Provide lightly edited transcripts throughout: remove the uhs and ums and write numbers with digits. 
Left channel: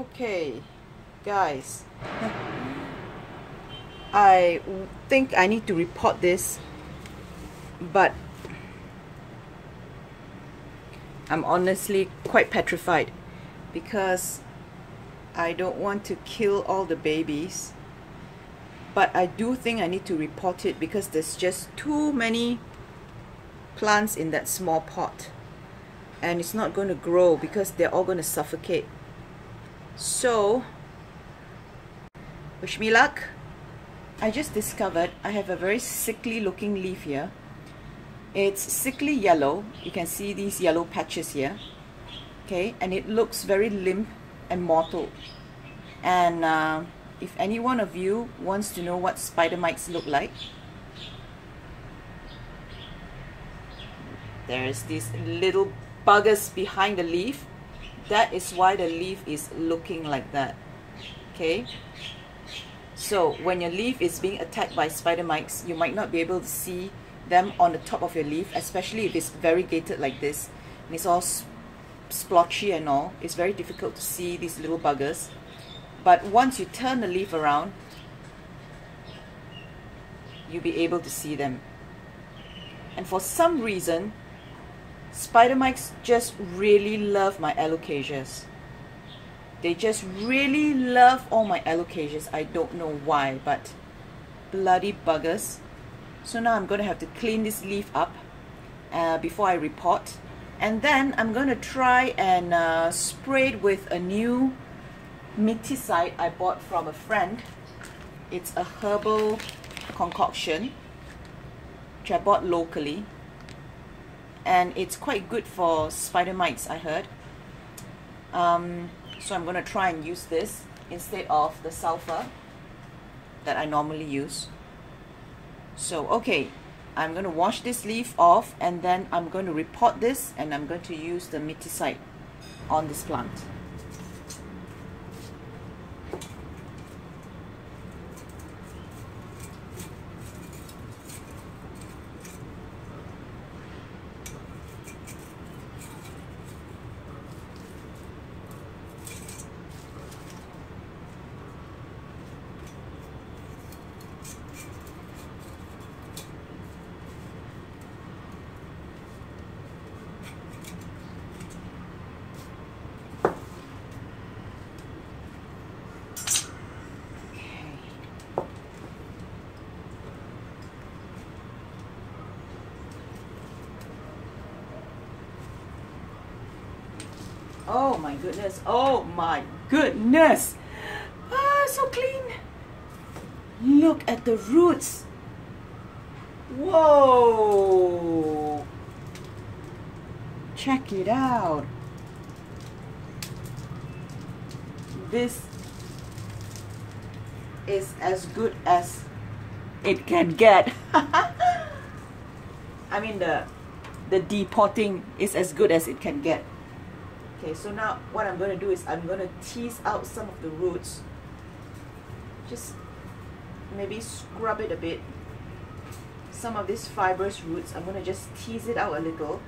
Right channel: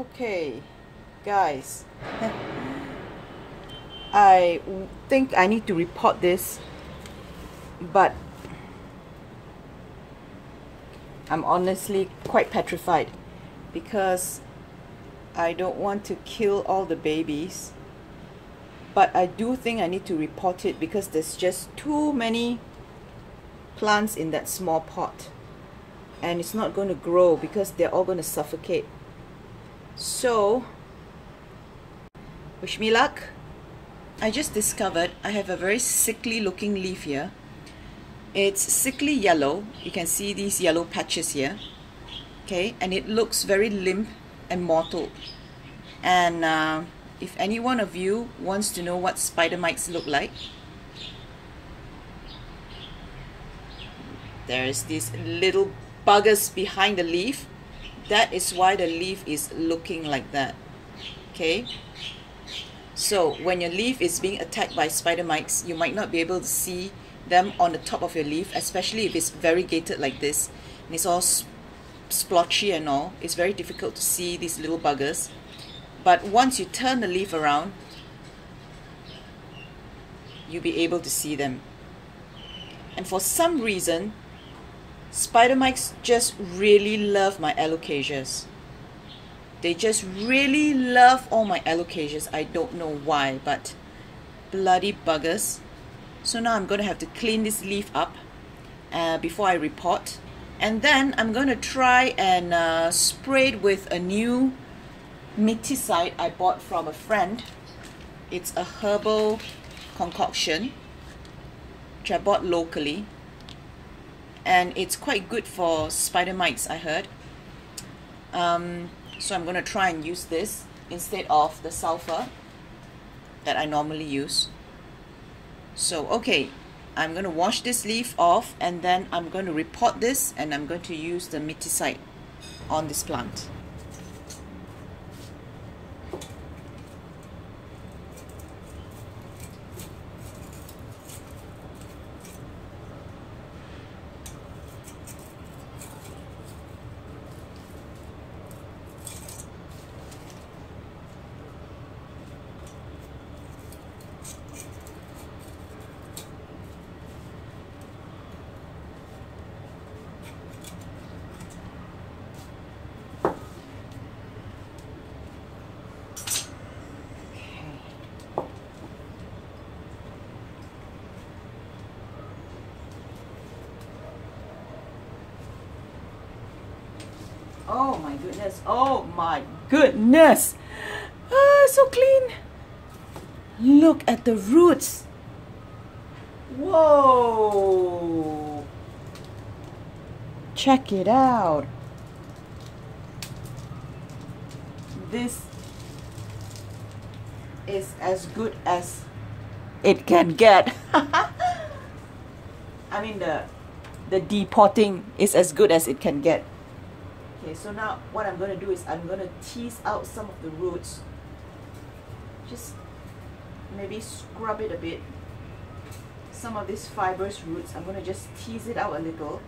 Okay, guys, I think I need to repot this, but I'm honestly quite petrified because I don't want to kill all the babies, but I do think I need to repot it because there's just too many plants in that small pot and it's not going to grow because they're all going to suffocate. So wish me luck. I just discovered I have a very sickly looking leaf here. It's sickly yellow. You can see these yellow patches here. Okay, and it looks very limp and mottled. And if any one of you wants to know what spider mites look like, there's these little buggers behind the leaf. That is why the leaf is looking like that. Okay, so when your leaf is being attacked by spider mites, you might not be able to see them on the top of your leaf, especially if it's variegated like this and it's all splotchy and all. It's very difficult to see these little buggers. But once you turn the leaf around, you'll be able to see them. And for some reason, spider mites just really love my alocasias. They just really love all my alocasias. I don't know why, but bloody buggers. So now I'm going to have to clean this leaf up before I repot. And then I'm going to try and spray it with a new miticide I bought from a friend. It's a herbal concoction which I bought locally. And it's quite good for spider mites, I heard. So I'm going to try and use this instead of the sulfur that I normally use. So okay, I'm going to wash this leaf off and then I'm going to repot this and I'm going to use the miticide on this plant. Oh my goodness, oh my goodness. Ah, so clean. Look at the roots. Whoa. Check it out. This is as good as it can get. I mean the depotting is as good as it can get. Okay, so now what I'm going to do is I'm going to tease out some of the roots. Just maybe scrub it a bit. Some of these fibrous roots, I'm going to just tease it out a little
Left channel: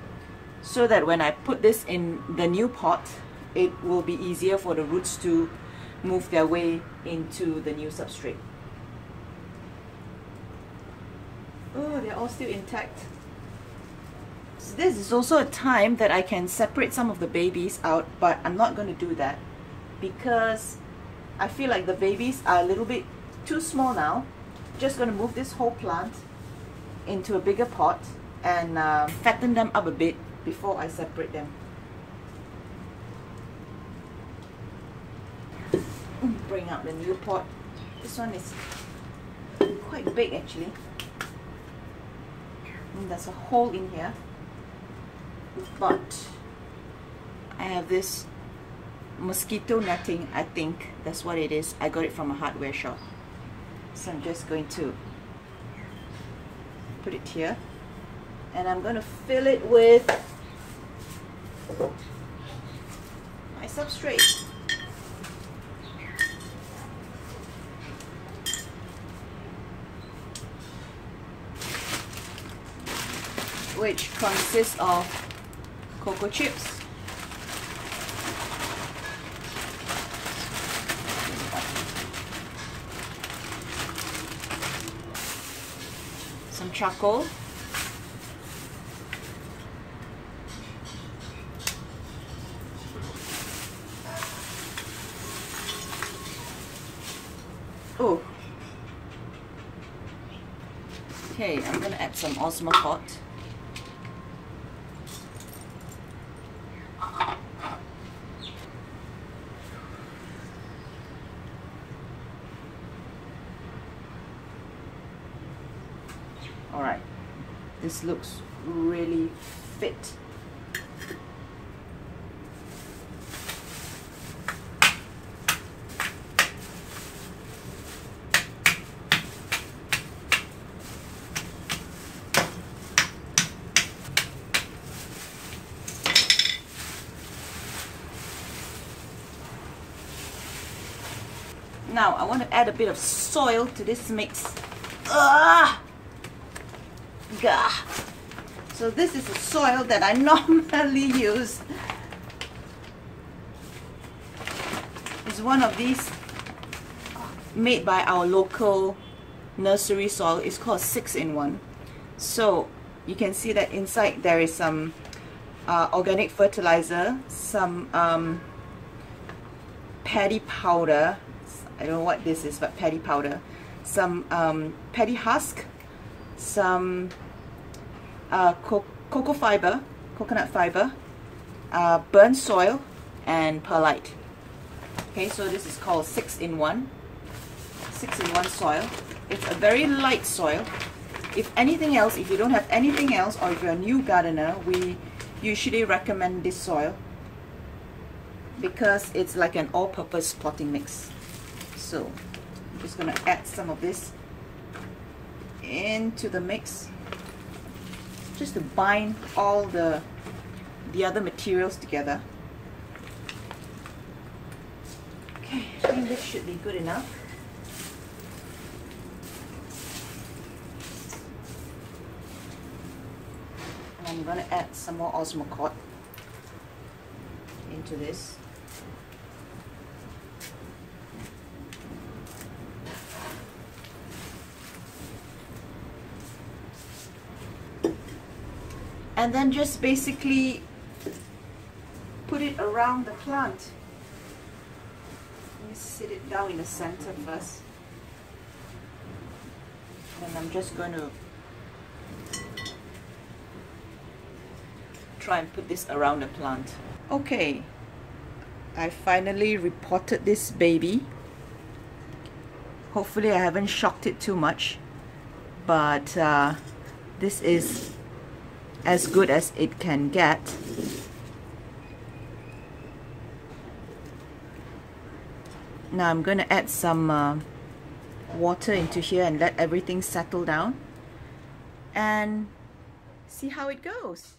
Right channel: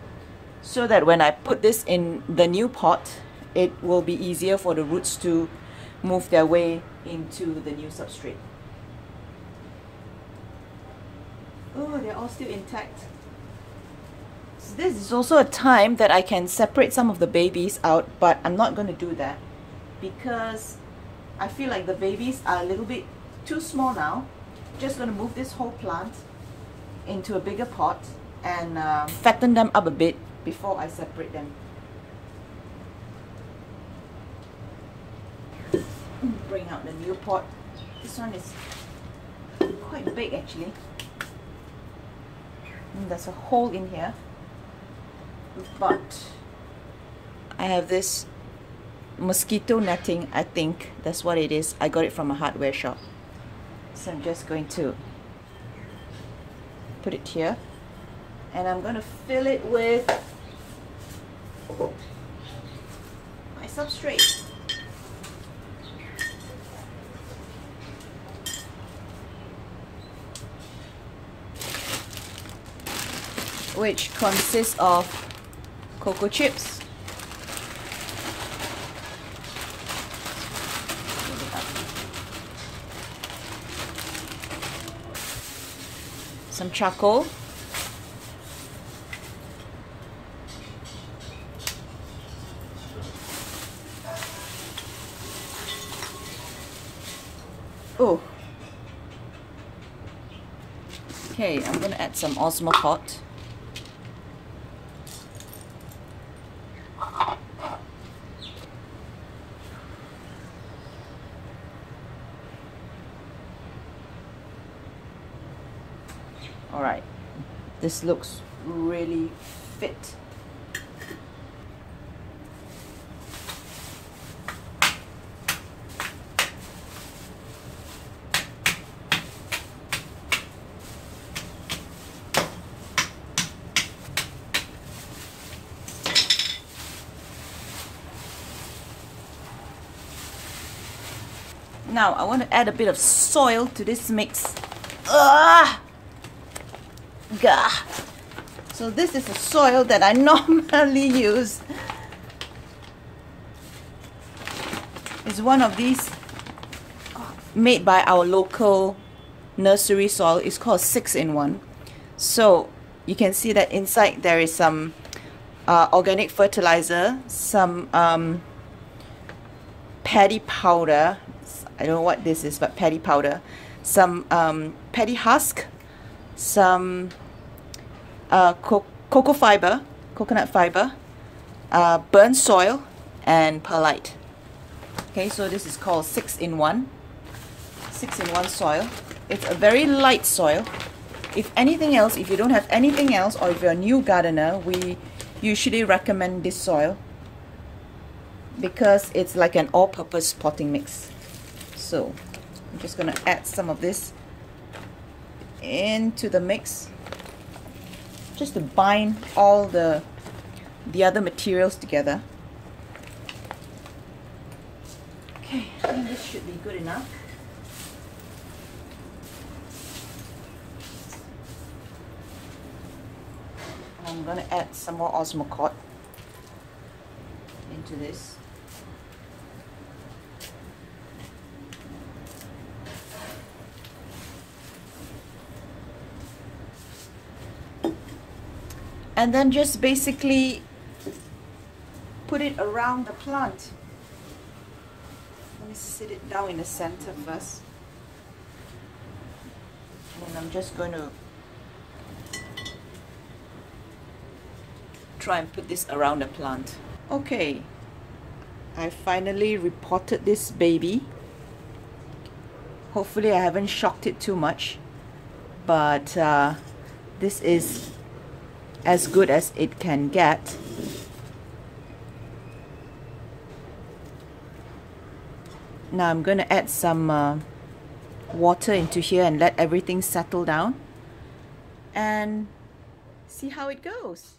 so that when I put this in the new pot, it will be easier for the roots to move their way into the new substrate. Oh, they're all still intact. This is also a time that I can separate some of the babies out, but I'm not going to do that because I feel like the babies are a little bit too small now. Just going to move this whole plant into a bigger pot and fatten them up a bit before I separate them. Bring out the new pot. This one is quite big actually. And there's a hole in here. But I have this mosquito netting, I think that's what it is. I got it from a hardware shop. So I'm just going to put it here and I'm going to fill it with my substrate. Which consists of cocoa chips, some charcoal. Oh. Okay, I'm gonna add some Osmocot. Alright, this looks really fit. Now I want to add a bit of soil to this mix. Gah! So this is the soil that I normally use. It's one of these made by our local nursery soil. It's called 6-in-1. So you can see that inside there is some organic fertilizer, some paddy powder. I don't know what this is, but paddy powder, some paddy husk, some coconut fiber, burnt soil, and perlite. Okay, so this is called 6-in-1 soil. It's a very light soil. If anything else, if you don't have anything else, or if you're a new gardener, we usually recommend this soil because it's like an all-purpose potting mix. So I'm just going to add some of this into the mix just to bind all the other materials together. Okay, I think this should be good enough. And I'm going to add some more Osmocot into this. And then just basically put it around the plant. Let me sit it down in the center first. And I'm just going to try and put this around the plant. Okay, I finally repotted this baby. Hopefully I haven't shocked it too much, but this is as good as it can get. Now I'm going to add some water into here and let everything settle down and see how it goes.